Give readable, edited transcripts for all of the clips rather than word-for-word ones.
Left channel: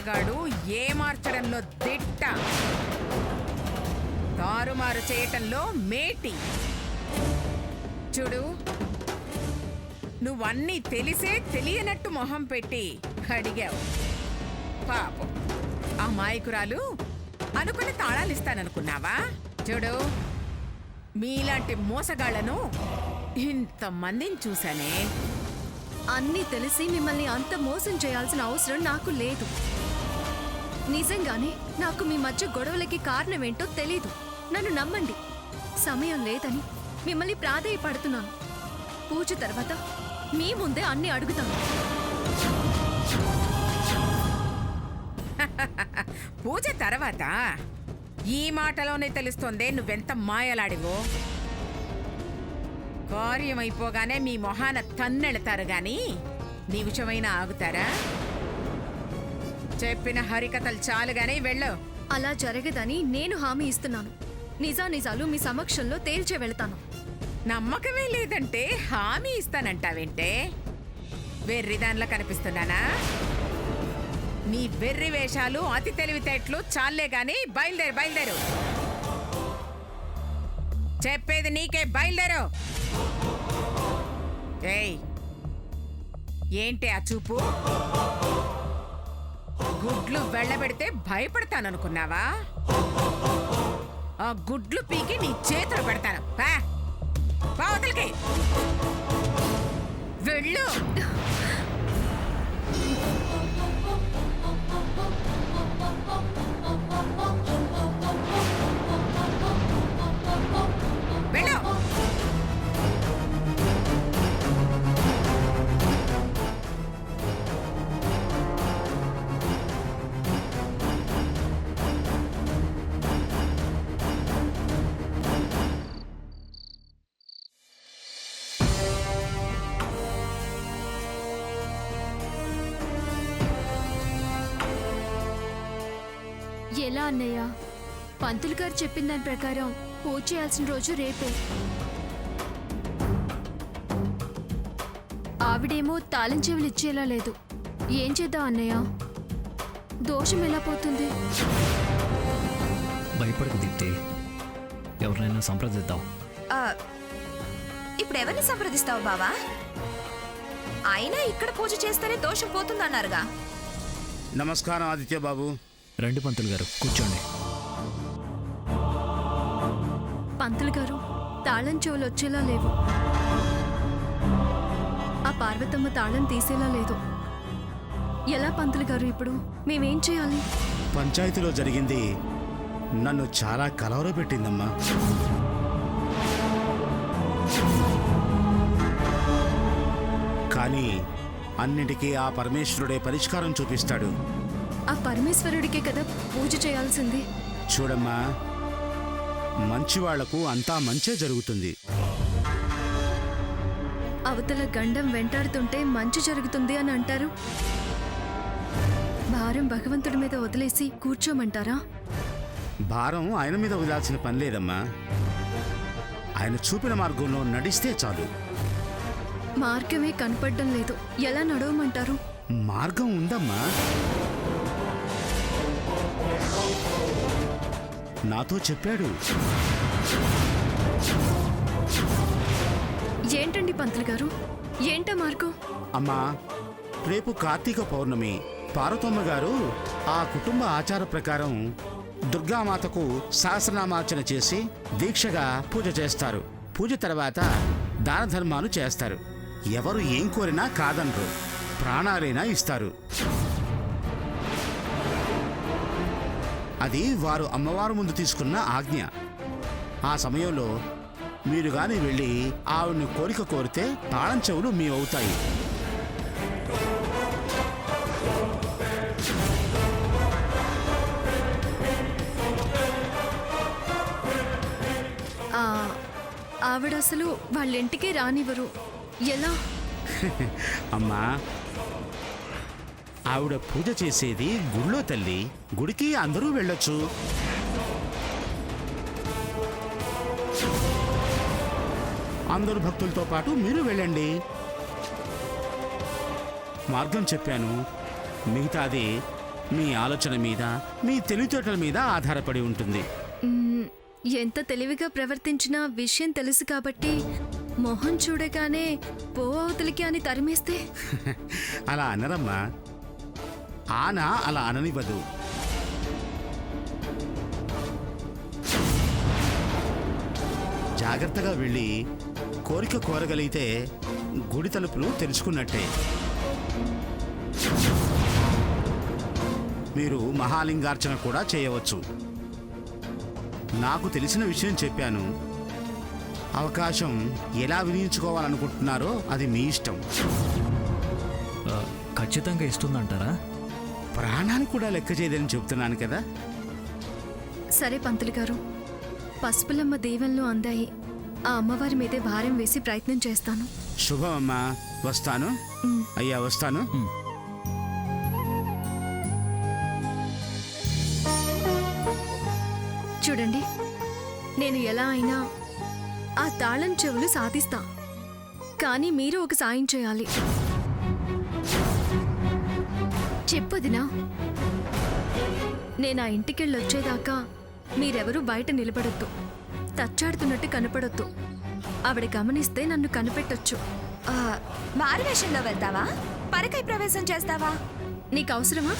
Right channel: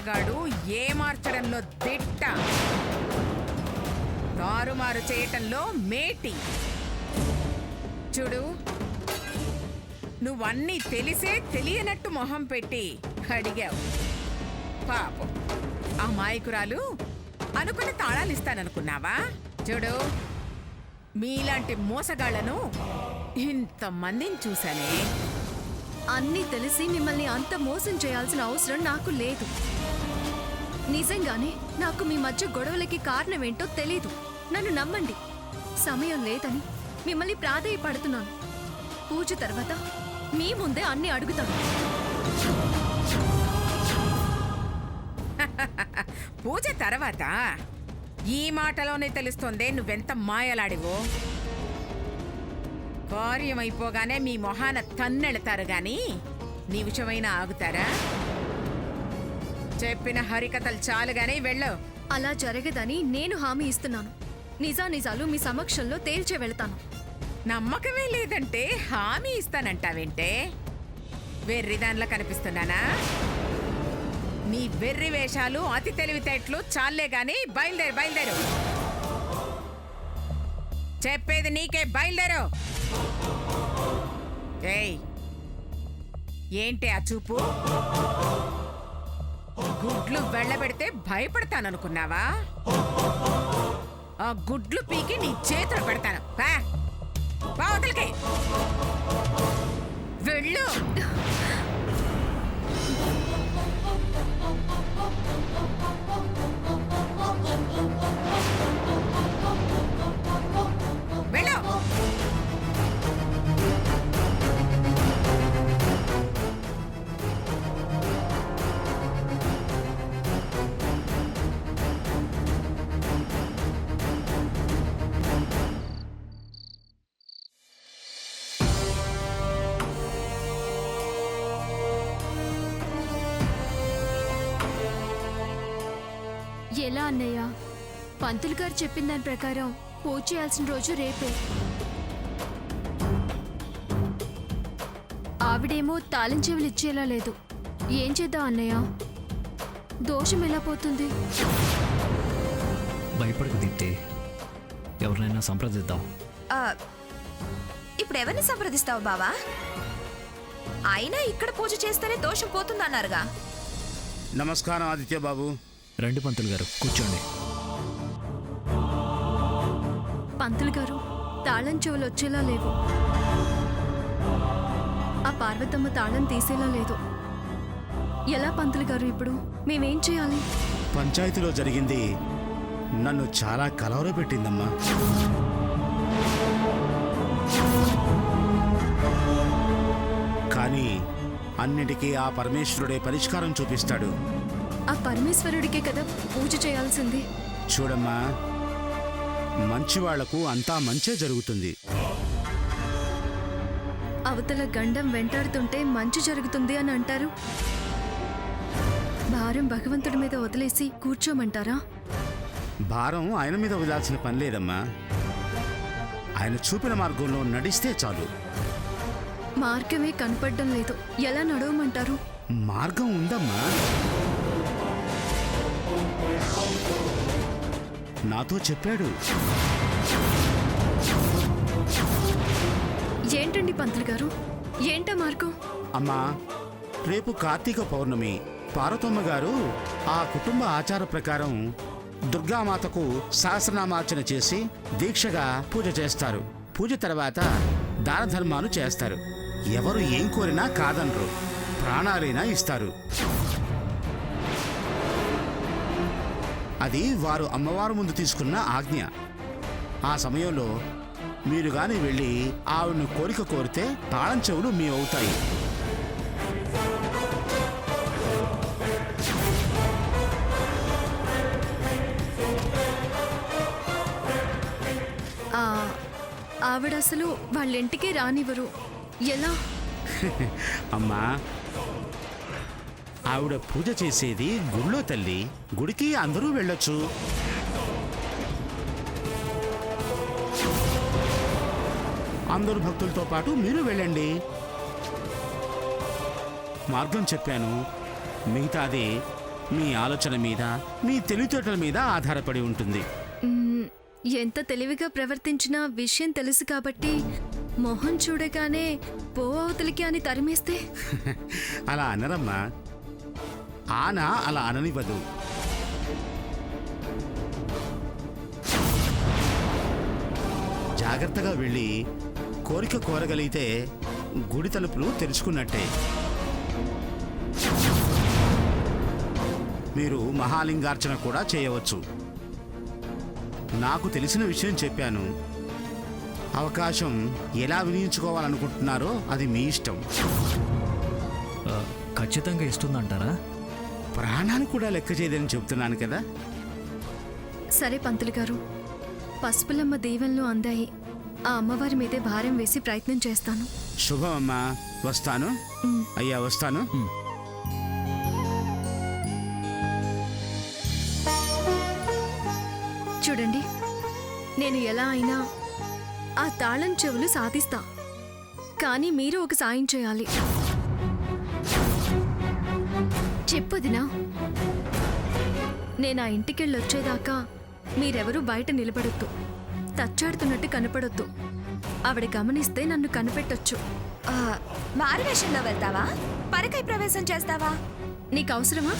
మాయగాడు ఏ మార్చడంలో దిట్ట, తారుమారు చేయటంలో మేటి. చూడు, నువ్వన్నీ తెలిసే తెలియనట్టు మొహం పెట్టి అడిగావు. పాపం ఆ మాయకురాలు అనుకుని తాళాలిస్తాననుకున్నావా? చూడు, మీలాంటి మోసగాళ్లను ఇంతమందిని చూశానే. అన్నీ తెలిసి మిమ్మల్ని అంత మోసం చేయాల్సిన అవసరం నాకు లేదు. నిజంగానే నాకు మీ మధ్య గొడవలకి కారణమేంటో తెలీదు. నన్ను నమ్మండి. సమయం లేదని మిమ్మల్ని ప్రాధేయపడుతున్నాను. పూజ తర్వాత మీ ముందే అన్నీ అడుగుతాను. పూజ తర్వాత ఈ మాటలోనే తెలుస్తోందే నువ్వెంత మాయలాడివో. కార్యమైపోగానే మీ మొహాన తన్నెళతారు గాని నీ విషయమైనా ఆగుతారా? చెప్పిన హరికథలు చాలుగానే వెళ్ళు. అలా జరగదని నేను హామీ ఇస్తున్నాను. నిజానిజాలు మీ సమక్షంలో తేల్చే వెళ్తాను. నమ్మకమే లేదంటే హామీ ఇస్తానంటావేంటే? వెర్రిదానిలా కనిపిస్తున్నానా? నీ వెర్రి వేషాలు అతి తెలివితేటలు చాలే గాని బయలుదేరు, బయలుదేరు. చెప్పేది నీకే, బయలుదేరు. ఏయ్, ఏంటి ఆ చూపు? గుడ్లు వెళ్ళబెడితే భయపడతాననుకున్నావా? ఆ గుడ్లు పీకి నీ చేతులు పెడతాను. పావతలకి వెళ్ళు. వెళ్ళు. ఎలా అన్నయ్య? పంతులు గారు చెప్పిన దాని ప్రకారం పూజ చేయాల్సిన రోజు రేపే. ఆవిడేమో తాళం చెవులు ఇచ్చేలా లేదు. ఏం చేద్దాం అన్నయ్య? దోషం ఎలా పోతుంది? భయపడకు దీప్తి, ఎవరినైనా సంప్రదిద్దాం. ఇప్పుడు ఎవరిని సంప్రదిస్తావు బావా? అయినా ఇక్కడ పూజ చేస్తేనే దోషం పోతుందన్నారుగా. నమస్కారం ఆదిత్య బాబు. రండి పంతులు గారు, కూర్చోండి. పంతులు గారు, తాళం చెవులు వచ్చేలా లేవు. ఆ పార్వతమ్మ తాళం తీసేలా లేదు. ఎలా పంతులు గారు? ఇప్పుడు మేమేం చేయాలి? పంచాయతీలో జరిగింది నన్ను చాలా కలవరపెట్టిందమ్మా. కానీ అన్నిటికీ ఆ పరమేశ్వరుడే పరిష్కారం చూపిస్తాడు. ఆ పరమేశ్వరుడికే కదా పూజ చేయాల్సింది. చూడమ్మా, మంచివాళ్లకు అంతా మంచే జరుగుతుంది. అవతల గండం వెంటాడుతుంటే మంచి జరుగుతుంది అని అంటారు. భారం భగవంతుడి మీద వదిలేసి కూర్చోమంటారా? భారం ఆయన మీద వదిలాల్సిన పని లేదమ్మా. ఆయన చూపిన మార్గంలో నడిస్తే చాలు. మార్గమే కనపడడం లేదు. ఎలా నడవమంటారు? మార్గం ఉందమ్మా. నాతో చెప్పాడు. ఏంటండి పంతులు గారు? ఏంటా మార్గం? అమ్మా, రేపు కార్తీక పౌర్ణమి. పార్వతమ్మ గారు ఆ కుటుంబ ఆచార ప్రకారం దుర్గామాతకు సహస్రనామార్చన చేసి దీక్షగా పూజ చేస్తారు. పూజ తర్వాత దాన ధర్మాలు చేస్తారు. ఎవరు ఏం కోరినా కాదనరు, ప్రాణాలైనా ఇస్తారు. అది వారు అమ్మవారు ముందు తీసుకున్న ఆజ్ఞ. ఆ సమయంలో మీరు గాని వెళ్ళి ఆవిడని కోరిక కోరితే తాళం చెవులు మీ అవుతాయి. ఆవిడ అసలు వాళ్ళింటికే రానివ్వరు. ఎలా? అమ్మా, ఆవిడ పూజ చేసేది గుళ్ళో తల్లి. గుడికి అందరూ వెళ్ళొచ్చు. అందరు భక్తులతో పాటు మీరు వెళ్ళండి. మార్గం చెప్పాను, మిగతాది మీ ఆలోచన మీద మీ తెలివితేటల మీద ఆధారపడి ఉంటుంది. మ్మ్, ఎంత తెలివిగా ప్రవర్తించినా విషయం తెలుసు కాబట్టి మొహం చూడగానే పో అవతలికి అని తరిమేస్తే అలా అనరమ్మా. ఆన అలా అననివ్వదు. జాగ్రత్తగా వెళ్ళి కోరిక కోరగలిగితే గుడి తలుపులు తెరుచుకున్నట్టే. మీరు మహాలింగార్చన కూడా చేయవచ్చు. నాకు తెలిసిన విషయం చెప్పాను. అవకాశం ఎలా వినియోగించుకోవాలనుకుంటున్నారో అది మీ ఇష్టం. ఖచ్చితంగా ఇస్తుందంటారా? ప్రాణాలు కూడా లెక్క చేయదని చెబుతున్నాను కదా. సరే పంతులు గారు, పసుపులమ్మ దీవెనలు అందాయి. ఆ అమ్మవారి మీదే భారం వేసి ప్రయత్నం చేస్తాను. శుభం అమ్మా. వస్తాను. అయ్యా వస్తాను. చూడండి, నేను ఎలా అయినా ఆ తాళం చెవులు సాధిస్తా. కానీ మీరు ఒక సాయం చేయాలి. చెప్పొదినా, నేను ఆ ఇంటికెళ్ళొచ్చేదాకా మీరెవరూ బయట నిలబడొద్దు. తచ్చాడుతున్నట్టు కనపడొద్దు. ఆవిడ గమనిస్తే నన్ను కనిపెట్టొచ్చు. ఆ, మారువేషంలో వెళ్తావా? పరకై ప్రవేశం చేస్తావా? నీకు అవసరమా?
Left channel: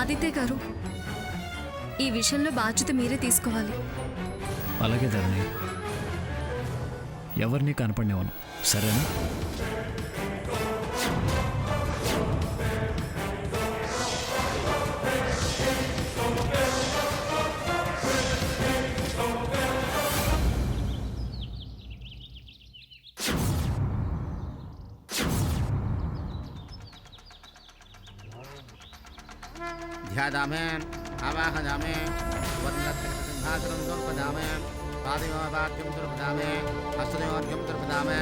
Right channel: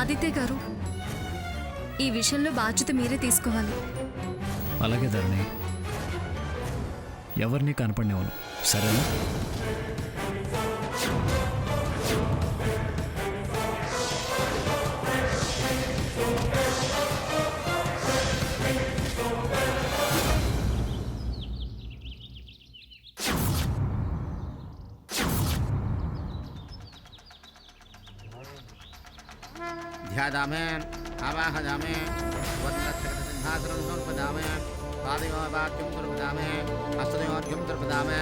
ఆదిత్య గారు, ఈ విషయంలో బాధ్యత మీరే తీసుకోవాలి. అలాగే ధరణి, ఎవరిని కనపడినేవాను, సరేనా? ध्यादामे आवाहयामे वदनसिंहासनं समर्पयामे पादयोवाक्यं समर्पयामे हस्तयोर्घ्यं समर्पयामे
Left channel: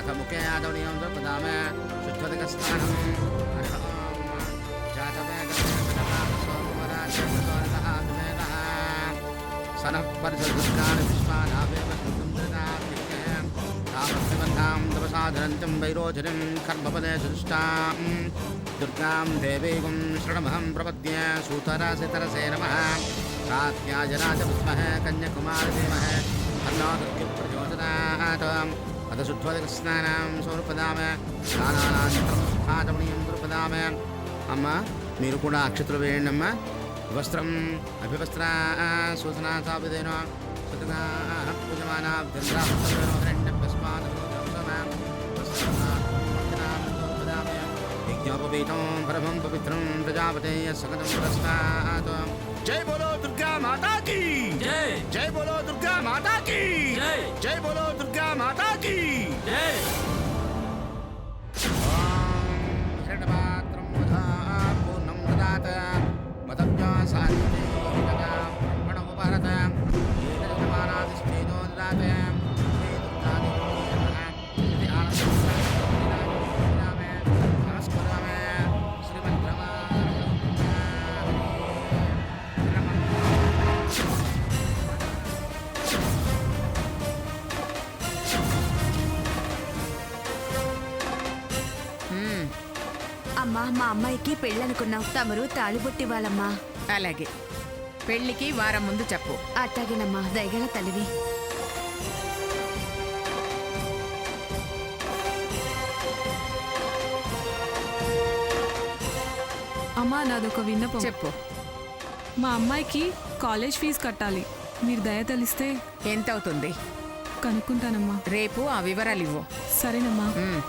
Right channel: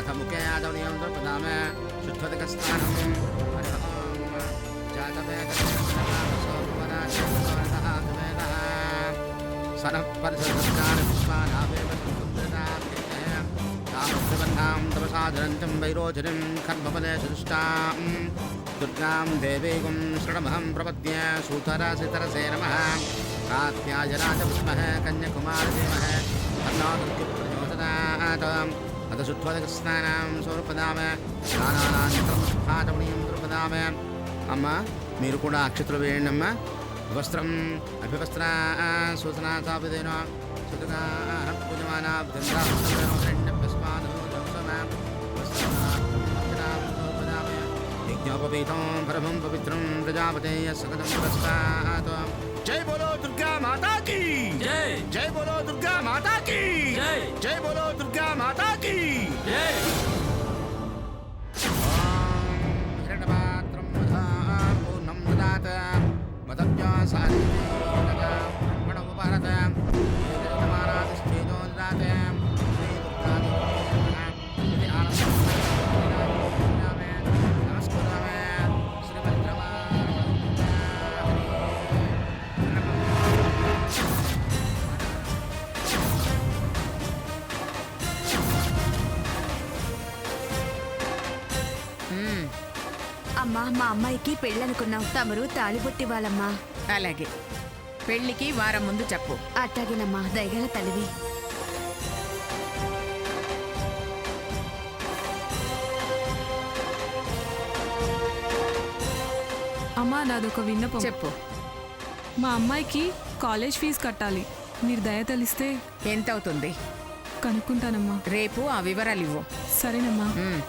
अथ मुखे आदवनीयं समर्पयामे शुद्धोदकस्नानं हरि ओं जातवेदः सनः परिसरस्कान् विश्वानावेव सुन्दरनाथ्यं तामस्त्रिबन्धां तपसाधरन्तं वैरोचनं कर्मपदे सुष्टां दुर्गां देवीं शरणमहं प्रपद्ये सूतरासितरसे नमः कात्यायनाय विद्महे कन्याकुमारी धीमहि तन्नो दुर्गी प्रचोदयात् अथ शुद्धोदकस्नानं समर्पयामि स्नानानन्तरं स्थातवनीयं समर्पयामि अम्मा మీరు కూడా అక్షతలు వేయండి అమ్మా వస్త్రం అభివస్త్ర సూచనా సాపిదేన సుతగా పూజమానా యజ్ఞోపవీతం పరమం పవిత్రం ప్రజాపతేయ సగతం పురస్కాత్ జై బోలో దుర్గా మాతా కీ జై జై బోలో దుర్గా మాతా కీ జై జై బోలో దుర్గా మాతా కీ జై హిరణపాత్రం మధా పూర్ణం దదాత మదవ్యాసారితే తదా బ్రహ్మణ ఉపహరత ఏకజమానాదిష్టేజో దదాత శ్రీ దుర్గాదేవి నమః ఇది ఆనందం నమస్కారమే అమ్మా, మా అమ్మాయికి పెళ్ళనుకున్నాం. తమరు తాళిబొట్టి వాళ్ళమ్మా. అలాగే, పెళ్లికి వారం ముందు చెప్పు. అట్టాగేనమ్మా, దయగల తల్లివి. అమ్మా, నాదొక విన్నపం. చెప్పు. మా అమ్మాయికి కాలేజ్ ఫీజు కట్టాలి. మీరు దయ తెలిస్తే ఎంత అవుతుంది కనుక్కుంటానమ్మా. రేపు ఆ వివరాలు ఇవ్వు. సరేనమ్మా. ఉమ్,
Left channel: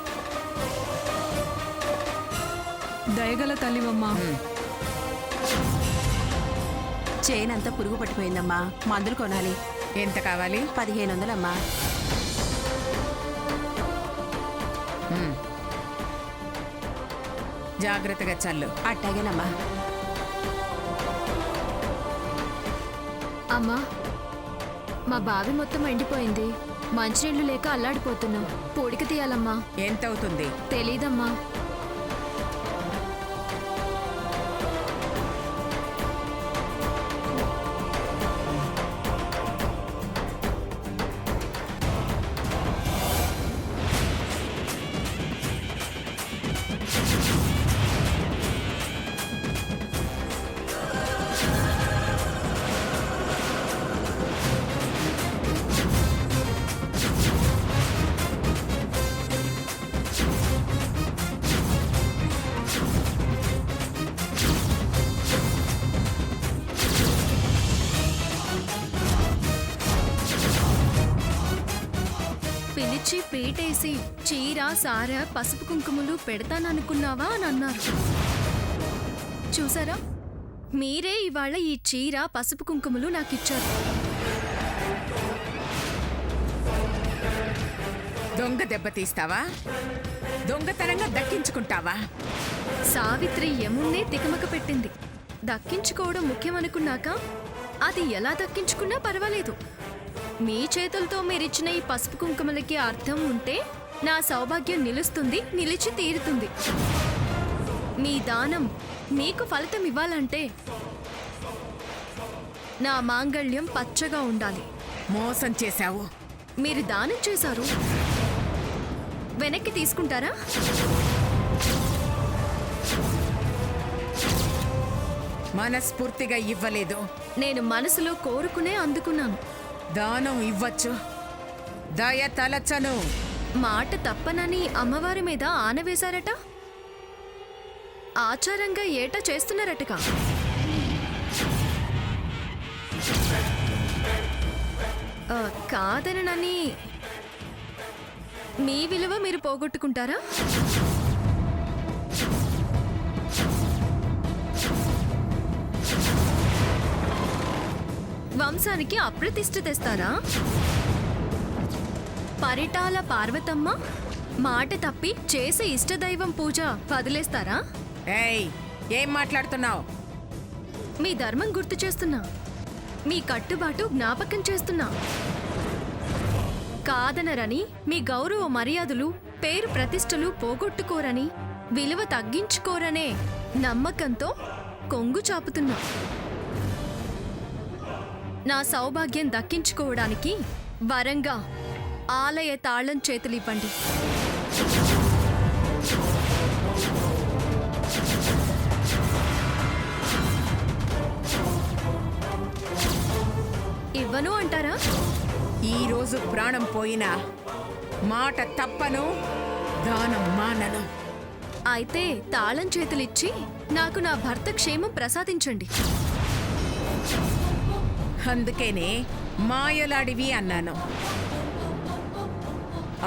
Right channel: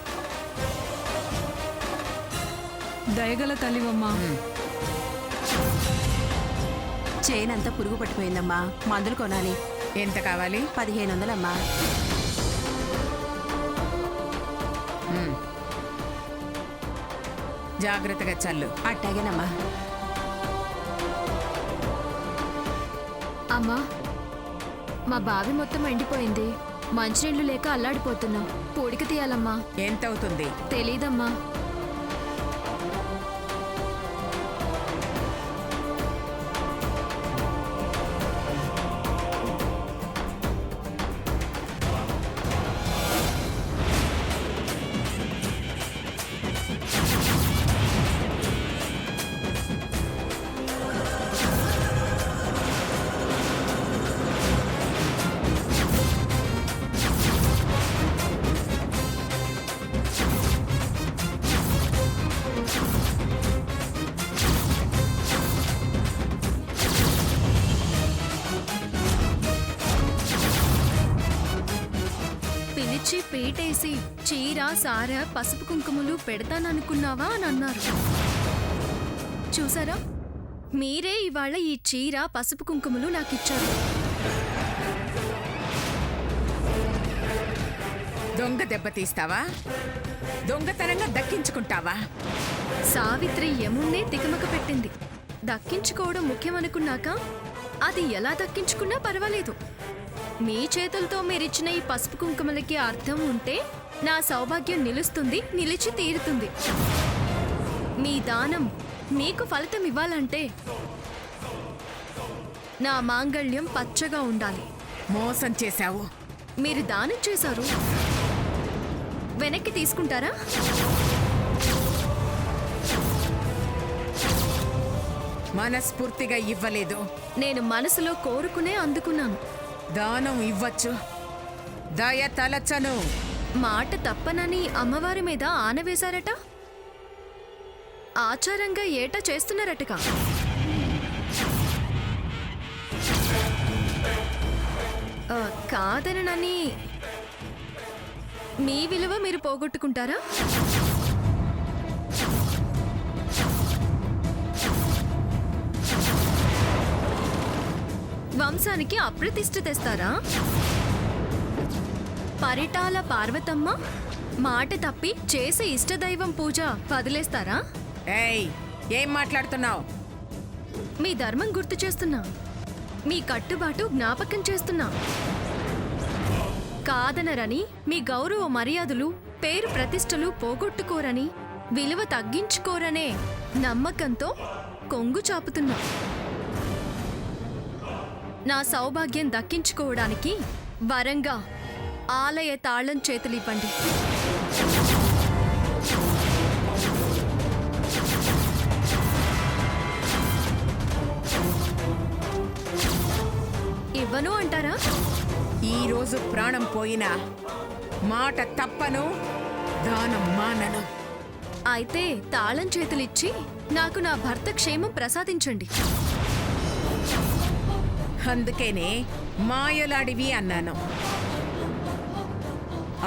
దయగల తల్లివమ్మా. చేనంతా పురుగు పట్టిపోయిందమ్మా. మందులు కొనాలి. ఎంత కావాలి? 1500 అమ్మా. ఉమ్. జాగ్రత్తగా చల్లు. అట్టాగేనమ్మా. అమ్మా, మా బావి మొత్తం ఎండిపోయింది. మంచినీళ్లు లేక అల్లాడిపోతున్నాం. పూడిక తీయాలమ్మా. ఎంత అవుతుంది? తెలీదమ్మా. పిలిచి పీటేసి చీర సార పసుపు కుంకుమలు పెడతాననుకున్నావా అని అన్నారు. చూసారా, మీరే ఇవాళ ఈ చీర పసుపు కుంకుమలు నాకిచ్చారు. దొంగ దెబ్బతీస్తావా? దొంగతనంగా దక్కించుకుంటావా? సావిత్రి యముణ్ణే తికమక పెట్టింది. దక్కించుకోవడం ముఖ్యమనుకున్నాక అది ఎలా దక్కించుకున్నా పర్వాలేదు. మీ చేతులతో మీరిచ్చిన ఈ పసుపు కుంకుమలకి అర్థం ఉంటే నా సౌభాగ్యం నిలుస్తుంది, నిలిచి తీరుతుంది. మీ దానం మీకు ఫలితం ఇవ్వాలంటే నా మాంగళ్యం పచ్చగా ఉండాలి. మోసం చేశావు. మీరు దానం చేశారు, వెనక్కి తీసుకుంటారా? మనస్ఫూర్తిగా ఇవ్వలేదు. నేను మనసులో కోరుకునే అందుకున్నాను. దానం ఇవ్వచ్చు, దయ తలచను. మాట తప్పనని అమ్మవారి మీద ఆనవేశారట. ఆచారంగా ఏటా చేస్తున్నారటగా. కాదనని మీ విలువ మీరు పోగొట్టుకుంటారా? వంశానికి అప్రతిష్ఠ తెస్తారా? పరిటాల పార్వతమ్మ మాట తప్పి చేసే ఇష్టదైవం పూజ వదిలేస్తారా? ఏయ్, ఏం మాట్లాడుతున్నావు? మీ ధర్మం గుర్తు చేస్తున్నా, మీ కట్టుబాటు జ్ఞాపకం చేస్తున్నా. కాదనరని, మీ గౌరవ మర్యాదలు పేరు ప్రతిష్టలు పోగొట్టుకోరని, విలువ తగ్గించుకోరనే నమ్మకంతో కొంగు చాపుతున్నా. నా సౌభాగ్యం దక్కించుకోవడానికి వరంగా ఆలయ తాళం చేతులివ్వండి. ఇవ్వను అంటారా? ఈరోజు ప్రాణం పోయినా మాట తప్పను, దానం మానను. అయితే తాళం చేతులిచ్చి నాకు నా భర్త క్షేమం ప్రసాదించండి. అందుకేనే మాయలాడివి అన్నాను.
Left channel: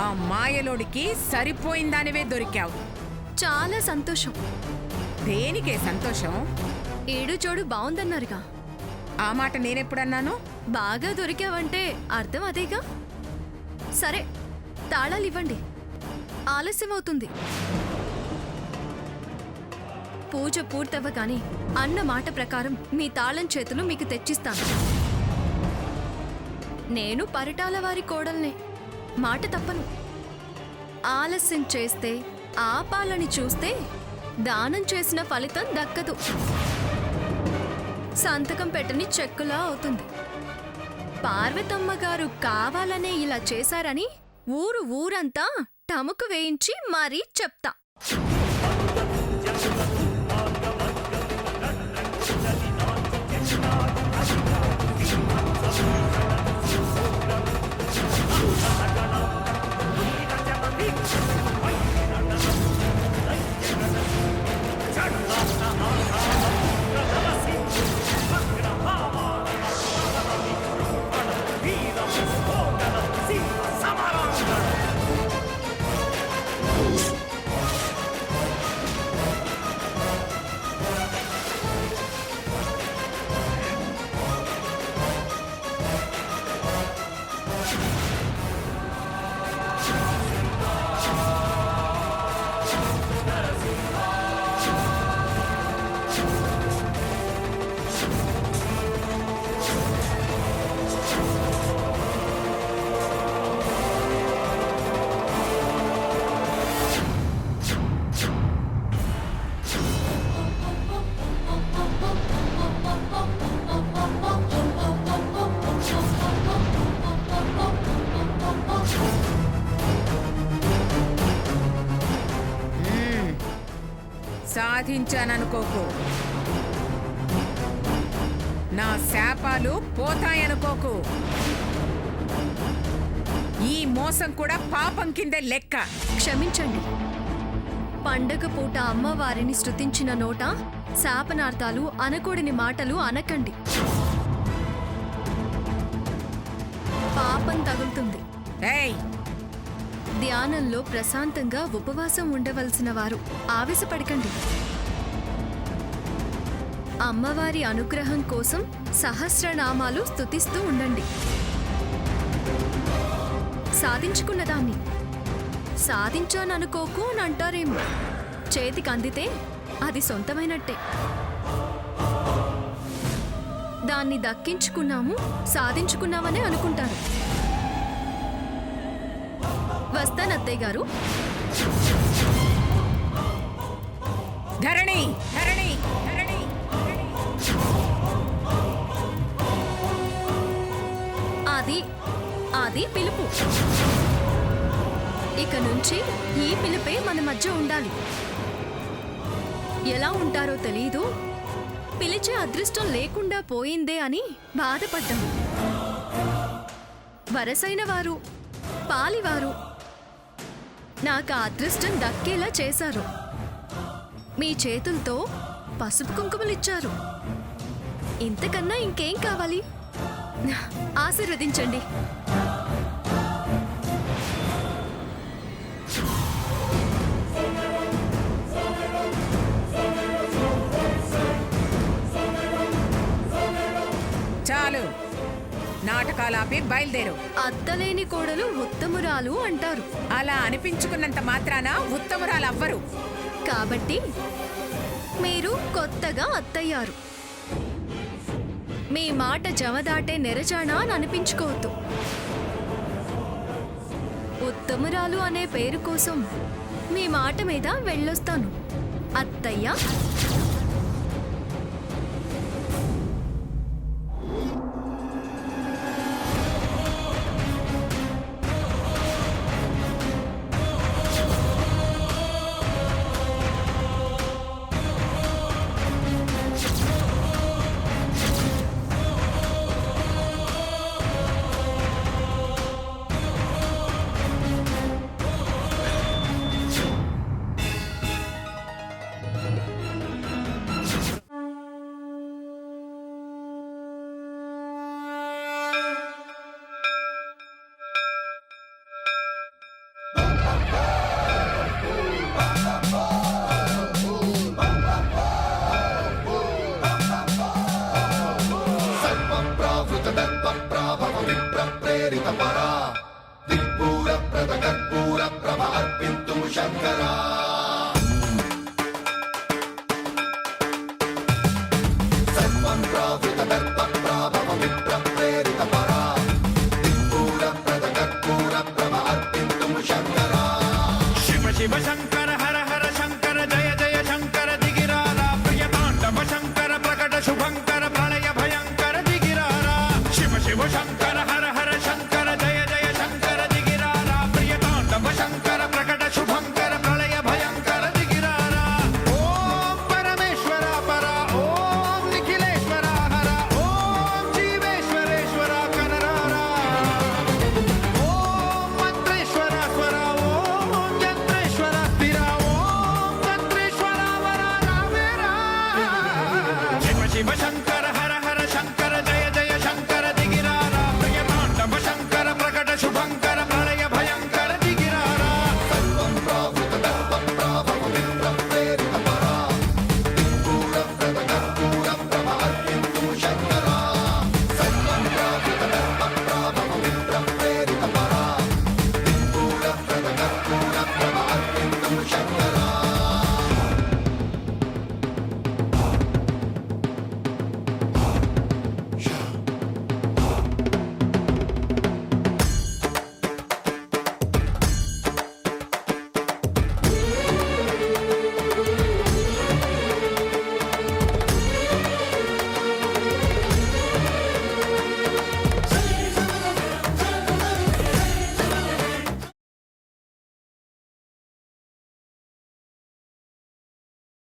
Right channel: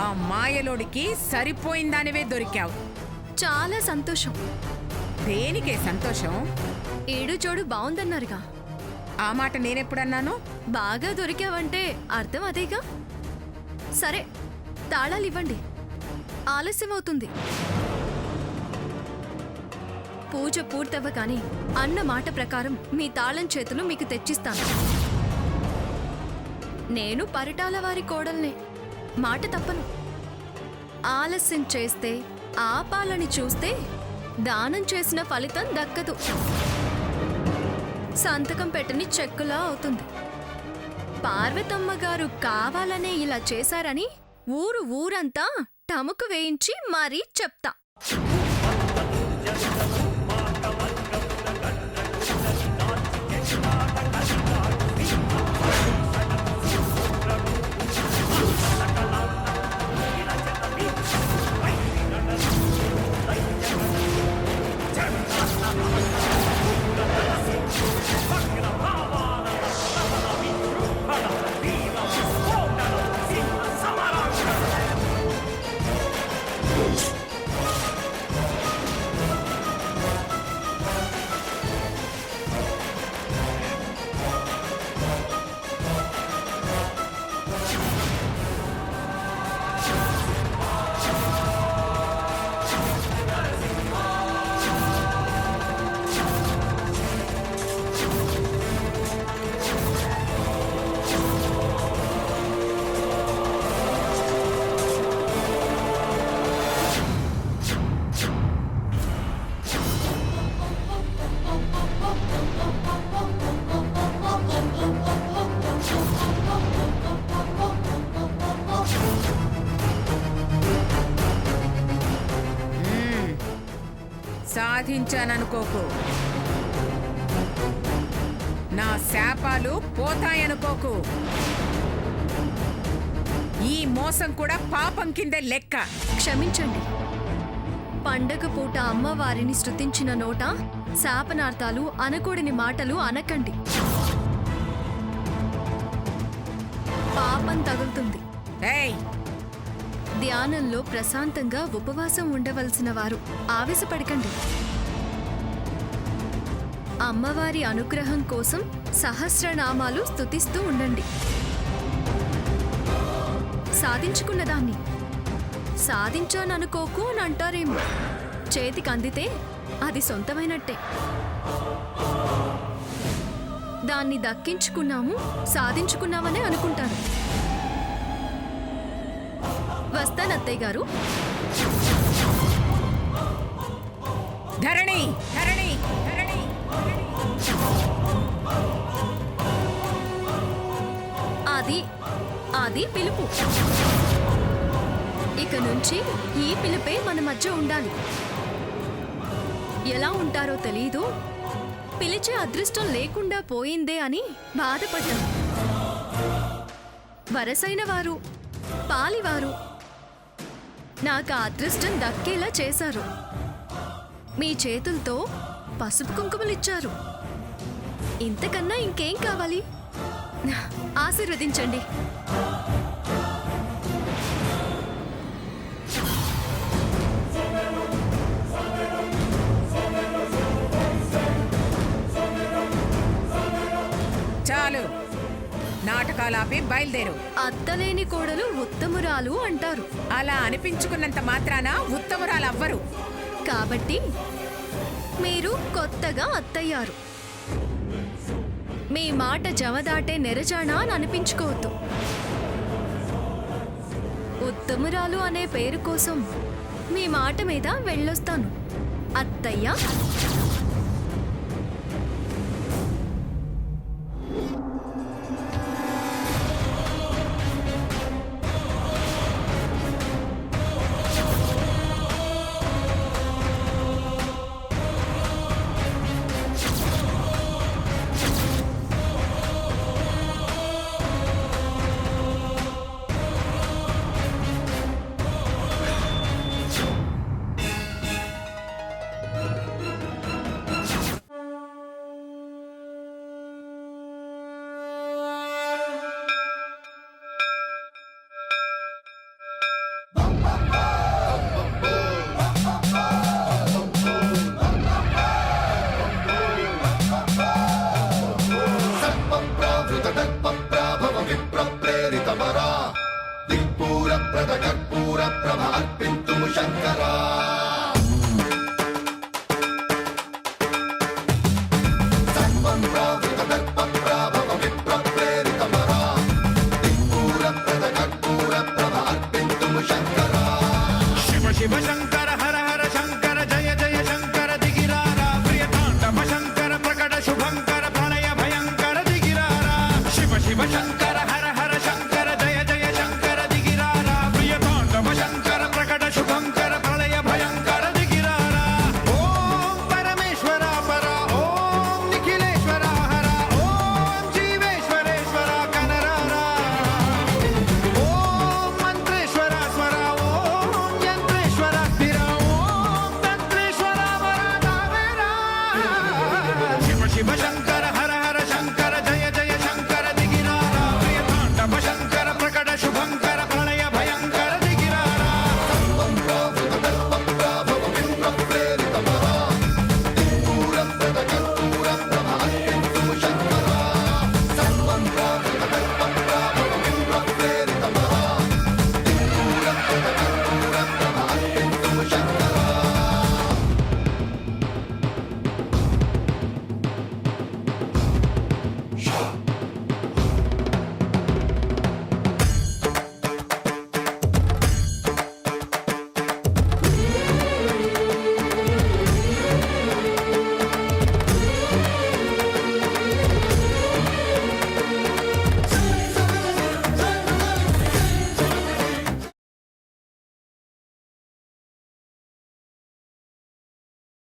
ఆ మాయలోడికి సరిపోయిందానివే దొరికావు. చాలా సంతోషం. దేనికే సంతోషం? ఏడు జోడు బావుందన్నారుగా. ఆ మాట నేనెప్పుడన్నాను? బాగా దొరికావంటే అర్థం అదేగా. సరే, తాళాలివ్వండి, ఆలస్యమవుతుంది. పూజ పూర్తవ్వగానే అన్న మాట ప్రకారం మీ తాళం చేతులు మీకు తెచ్చిస్తాను. నేను పరిటాల వారి కోడల్నే, మాట తప్పను. ఆలస్యం చేస్తే, ఆపాలని చూస్తే దానం చేసిన ఫలితం దక్కదు. సంతకం పెట్టని చెక్కులా అవుతుంది. పార్వతమ్మ గారు కావాలనే ఇలా చేశారని ఊరంతా టముకు వేయించి మరీ చెప్తా. సాధించాననుకోకు, నా శాపాలు పోతాయనుకోకు. ఈ మోసం కూడా పాపం కిందే లెక్క. క్షమించండి. పండగ పూట అమ్మవారిని స్తుతించిన నోట శాపనార్థాలు, అనకూడని మాటలు అనకండి. పాపం తగులుతుంది. ఏయ్, ధ్యానంలో ప్రశాంతంగా ఉపవాసం ఉండవలసిన వారు ఆవేశపడకండి. అమ్మవారి అనుగ్రహం కోసం సహస్రనామాలు స్తుతిస్తూ ఉండండి. సాధించుకున్నదాన్ని సాధించాననుకోకు అని అంటారేమో. చేతికి అందితే అది సొంతమైనట్టే. దాన్ని దక్కించుకున్నాము, సాధించుకున్నామనే అనుకుంటారు. వస్తానత్తయ్య గారు. ధరణి ధరణి ధరణి ధరణి. అది పిలుపు. ఇక నుంచి ఈ పిలుపే మన మధ్య ఉండాలి. ఎలా ఉంటారో తెలీదు, పిలిచే అదృష్టం లేకుండా పోయిందే అని బాధపడ్డాం. వరసైన వారు, పాలివారు నాకు ఆ అదృష్టం దక్కేలా చేశారు. మీ చేతులతో పసుపు కుంకుమలిచ్చారు. ఇంతకన్నా ఇంకేం కావాలి? ఆశీర్వదించండి. చాలు, నాటకాలాపి బయలుదేరు. అత్తలేని కోడలు ఉత్తమురాలు అంటారు. అలా అనిపించుకున్నంత మాత్రాన ఉత్తమురాలవ్వరు. కాబట్టి మీరు కొత్తగా అత్తయ్యారు. మీ మాట జవదాటే నెరజానా అని అనిపించుకోవద్దు. ఉత్తమురాలు అనే పేరు కోసం మీ మాట మీద వెళ్ళొస్తాను అత్తయ్య. దిక్పూర ప్రద కర్పూర ప్రభ అర్పింతుము శంకరా.